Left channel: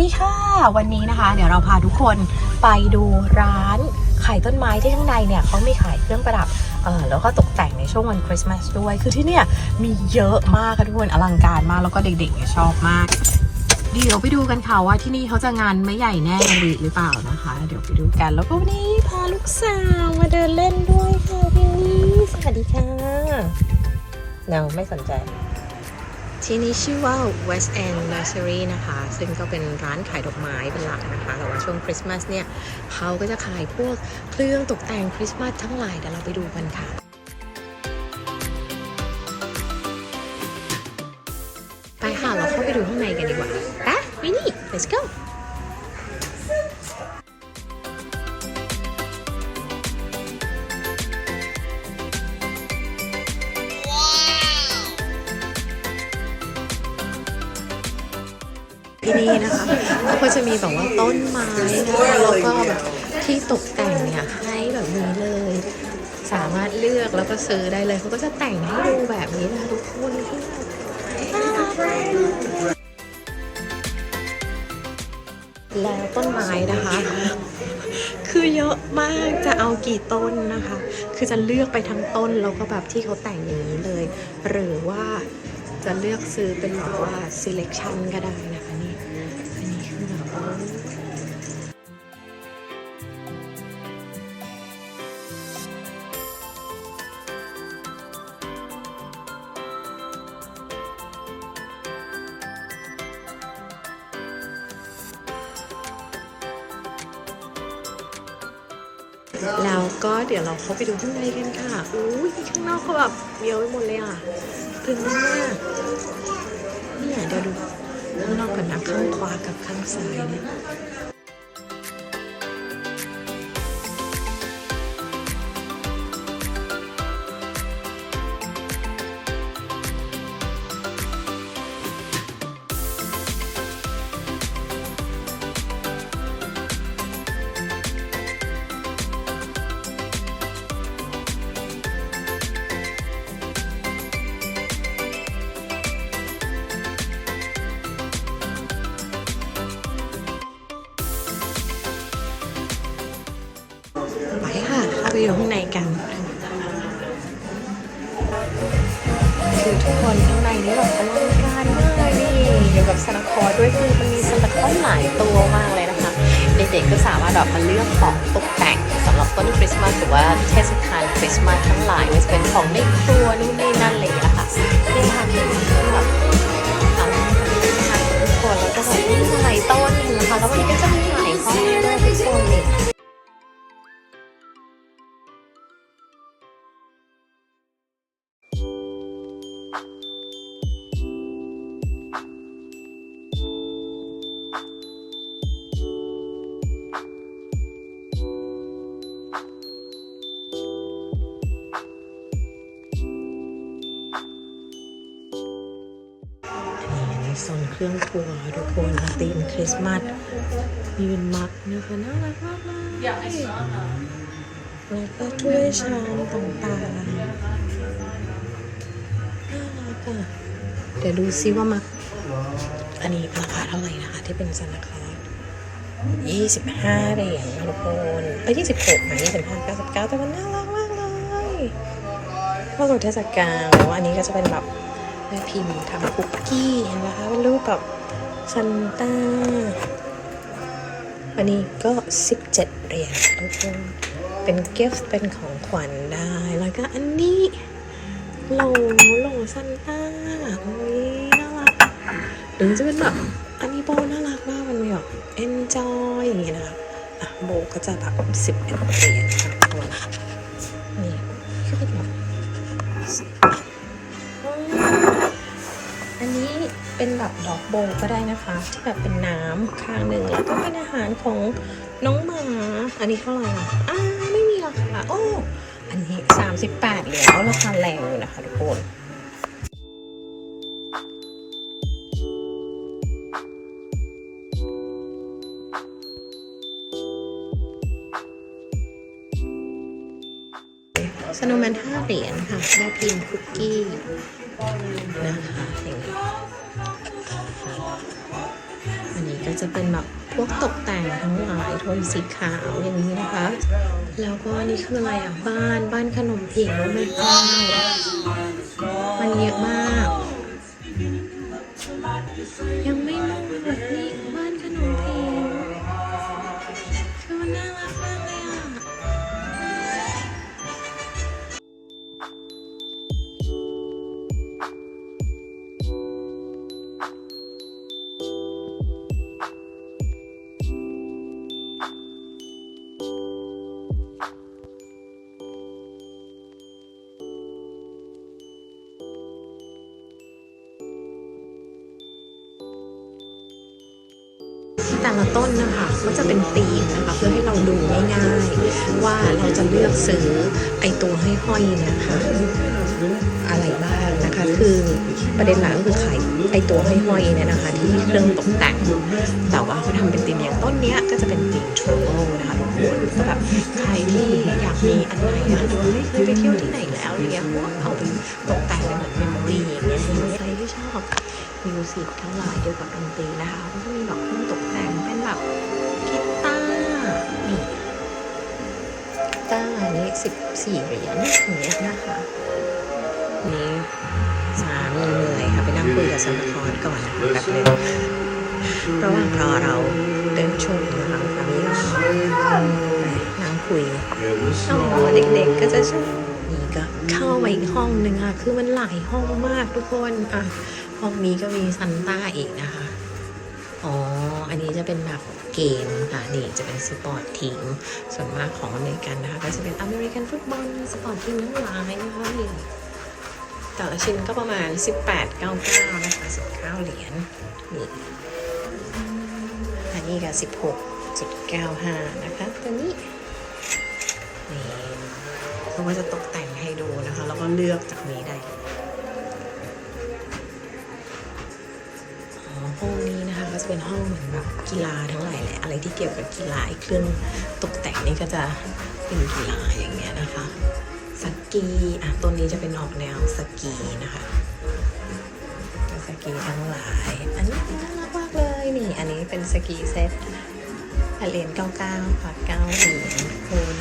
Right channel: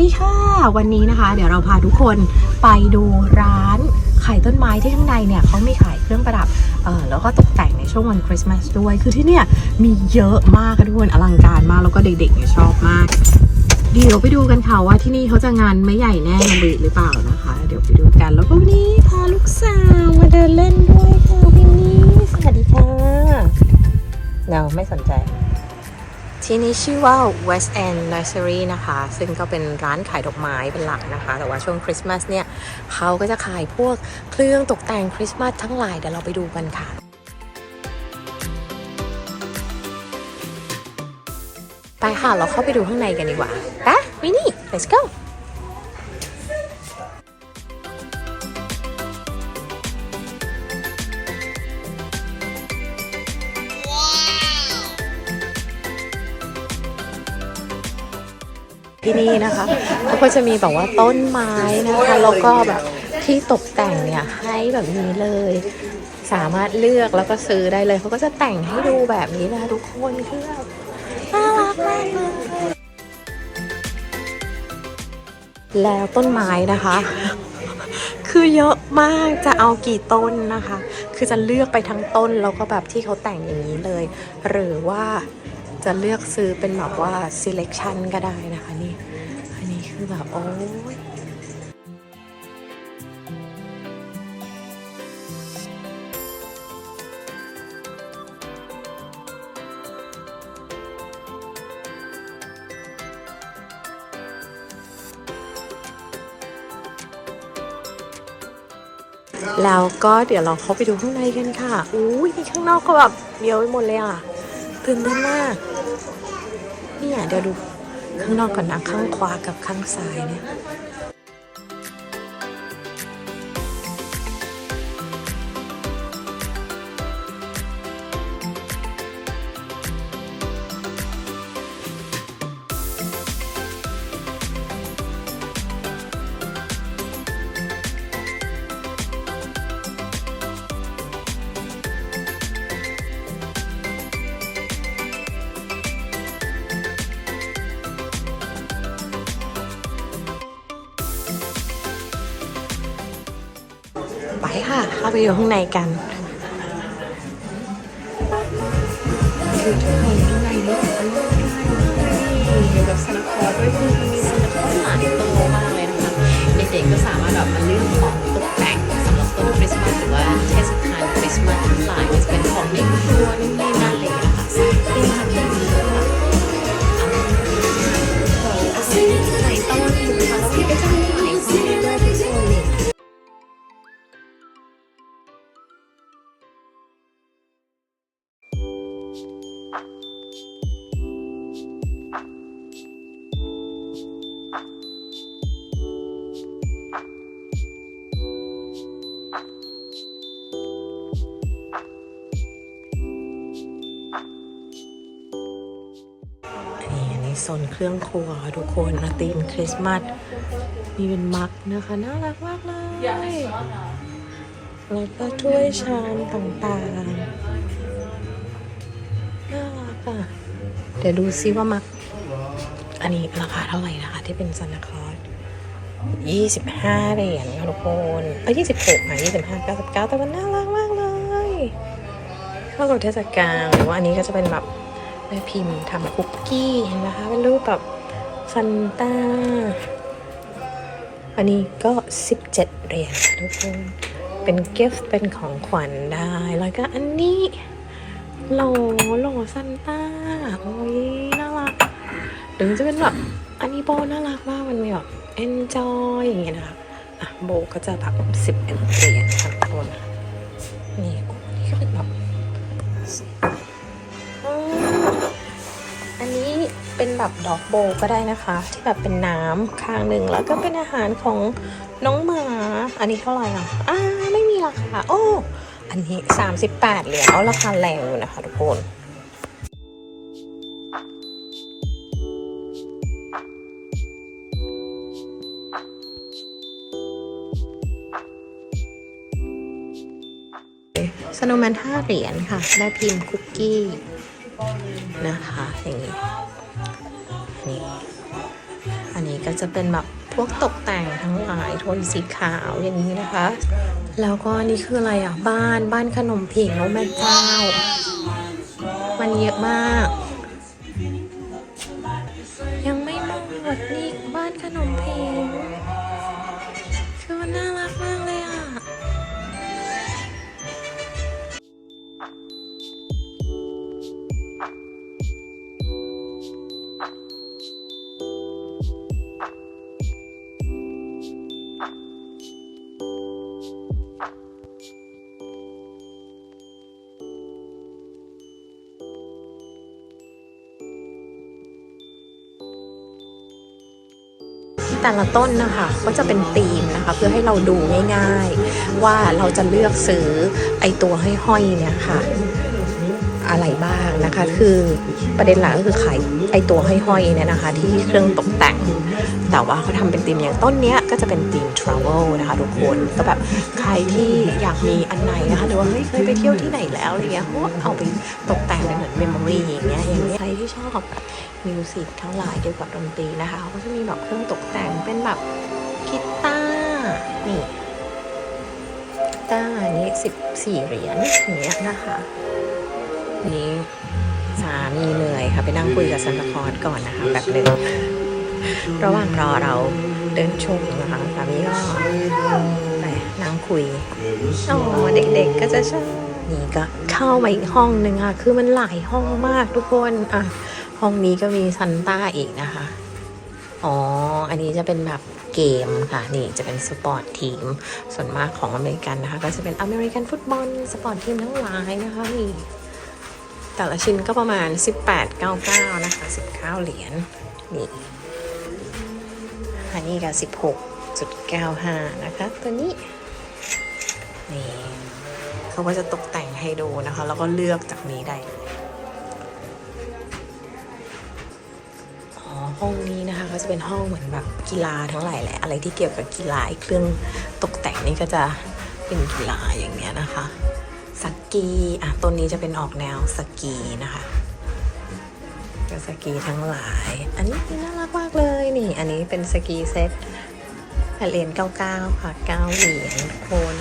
ดีค่ะ วันนี้นะคะ เดี๋ยวเราพาทุกคนไปดูร้านขายต้นไม้ที่ข้างในเนี่ยเขามีขายเครื่องประดับเออแล้วก็ตกแต่งในช่วงวันคริสต์มาสด้วย คือที่เนี่ยมีเยอะมากค่ะทุกคนอลังการมากแล้วก็เด็กๆเนี่ยชอบมากเดี๋ยวไปดูกันค่ะว่าที่นี่เขาจะงานไม่ใหญ่แน่หรือหรือเปล่านะคะ เดี๋ยวไปดูกันแล้วก็วันนี้พาลูกสาวมาเดินเล่นด้วยค่ะวินนี่สวัสดีค่ะเนาไม่สนใจ ที่นี่ชื่อว่า West End Nursery นะคะ ซึ่งก็เป็นร้านขายดอกไม้เป็นหลักนะคะ แต่ว่าช่วงคริสต์มาสเนี่ย เขาก็จะขายพวกเครื่องตกแต่งคริสต์มาสทั้งหลาย เดี๋ยวเราไปดูกันค่ะไปค่ะเราเข้าไปดูข้างในกันดีกว่าไปนี่ let's go ที่นี่นะคะเขาก็จะมีแบบว่าต้นไม้นะคะแล้วก็แบบที่ตกแต่งเนี่ยให้แบบนี้เลย สามารถเลือกแล้วก็ซื้อได้เลยเขาก็จะแต่งให้ดูแบบนี้นะทุกคนที่แบบน่ารักมากเลยแล้วต้นไม้นะคะ คือเยอะมากจะเอากี่ต้นนะคะ คือจะเลือกไปทั้งต้นแล้วก็แบบที่เขาแต่งอย่างนี้เลย หรือว่าจะเลือกซื้อเป็นแบบว่า selection ก็ได้นะคะ แล้วก็เดี๋ยวเราเข้าไปดูข้างในกันค่ะ อุ้ยข้างนอกก็แบบเยอะไปหมดเลยอะตื่นเต้นมากเนี่ยเดี๋ยวดู ข้างนอกก่อนนะข้างขวากับข้างซ้ายนะ ค่ะ เข้าไปดูข้างในกัน โซนเครื่องครัวทุกคนค่ะธีมคริสต์มาสมีมักนะคะน่ารักมากเลยแล้วก็ถ้วยชามต่างๆน่ารักอะเดี๋ยวดูซิว่ามัก อันนี้ราคาเท่าไหร่นะคะ ที่เป็นซันตาคลอสยี่สิบห้าเหรียญทุกคนเอ้ยยี่สิบหกนะยี่สิบห้าเก้าสิบเก้าแต่มันน่ารักมากเลยเข้ากับเทศกาลหรือว่าอันนี้ก็จะเป็นแบบ แม่พิมพ์ทำคุกกี้นะคะเป็นรูปแบบซันต้า อันนี้ก็ 17เหรียญทุกคนเป็นกิฟต์เป็นของขวัญได้ แล้วก็อันนี้โหลโหลซันต้าโอ้ยน่ารักหรือจะเป็นแบบอันนี้โบน่ารักมากมันมีแบบ enjoy อย่างเงี้ยนะโบก็จะแบบ10เหรียญค่ะทุกคน ดอกโบก็ได้นะคะ ที่แบบเป็นน้ำข้างหนึ่งแล้วก็เป็นอาหารของน้องหมา อันนี้เท่าไหร่อะอ่าไม่มีราคาโอ้อันนี้ 38เหรียญราคาแรงอยู่นะคะทุกคนสโนว์แมนห้าเหรียญค่ะได้พิมพ์คุกกี้นะคะ ก็จะเป็นแบบพวกตกแต่งทั้งหลายโทนสีขาวอย่างนี้นะคะ แล้วก็นี่คืออะไรอะบ้านบ้านขนมผิงแล้วแม่เจ้า แต่ละต้นนะคะก็จะเป็นปีนะคะ เพื่อให้เราดูง่ายๆ ว่าเราจะเลือกซื้อไอตัวห้อยๆเนี่ยค่ะ อะไรบ้าง นะคะ คือประเด็นหลักก็คือขายไอตัวห้อยๆเนี่ยนะคะ ที่เครื่องตกแต่ง แต่ว่าเขาทำเป็นธีมเนี่ยต้นเนี้ยก็จะเป็นธีม travel นะคะทุกคนก็แบบใครที่อยากมีอันไหนนะคะหรือว่าไม่เคยไปเที่ยวที่ไหนแล้วอะไรเงี้ยก็เอาไปตกแต่งเป็นเหมือนเมมโมรี่อย่างเงี้ยใครที่ชอบมิวสิกทั้งหลายเกี่ยวกับดนตรีนะคะเขาก็จะมีแบบเครื่องตกแต่งเป็นแบบกีตาร์นี่กีตาร์อันนี้สิบสี่เหรียญอย่างเงี้ยนะคะนี้ เหนื่อยค่ะไปนั่งคุยกับซันตาคอสก่อนแบบนึงระหว่างรอเราเดินชมนะคะตอนนี้ก็นั่งคุยโอ้เด็กๆก็จะใชอบนี่ก็เข้ามาอีกห้องหนึ่งค่ะ คือมันหลายห้องมากทุกคนอะห้องนี้ก็มีซันต้าอีกนะคะ อ๋อ อันนี้จะเป็นแบบเกมค่ะ นี่จะเป็นสปอร์ตทีม ส่วนมากของอเมริกันนะคะ ก็จะเป็นอเมริกันฟุตบอลสปอร์ตทีมทั้งหลายนะคะนี่ แต่ละชิ้นก็ประมาณ 18 99 นะคะ 19 เหรียญนี่อันนี้ก็16.95 นะคะ ตัวนี้นี่เขาก็จะตกแต่งให้ดูนะคะ แล้วก็เลือกจากนี้ได้ห้องนี้นะคะก็จะเป็นห้องเหมือนแบบกีฬาทั้งหลายแหละอะไรที่เกี่ยวกับกีฬาเครื่องตกแต่งนี่ก็จะเป็นกีฬาอย่างเงี้ยนะคะ สกีอะตัวนี้จะเป็นออกแนวสกีนะคะเป็นสกีทั้งหลาย อันนี้น่ารักมากเลยนี่อันนี้เป็นสกีเซ็ตเหรียญ99ค่ะ9เหรียญโคน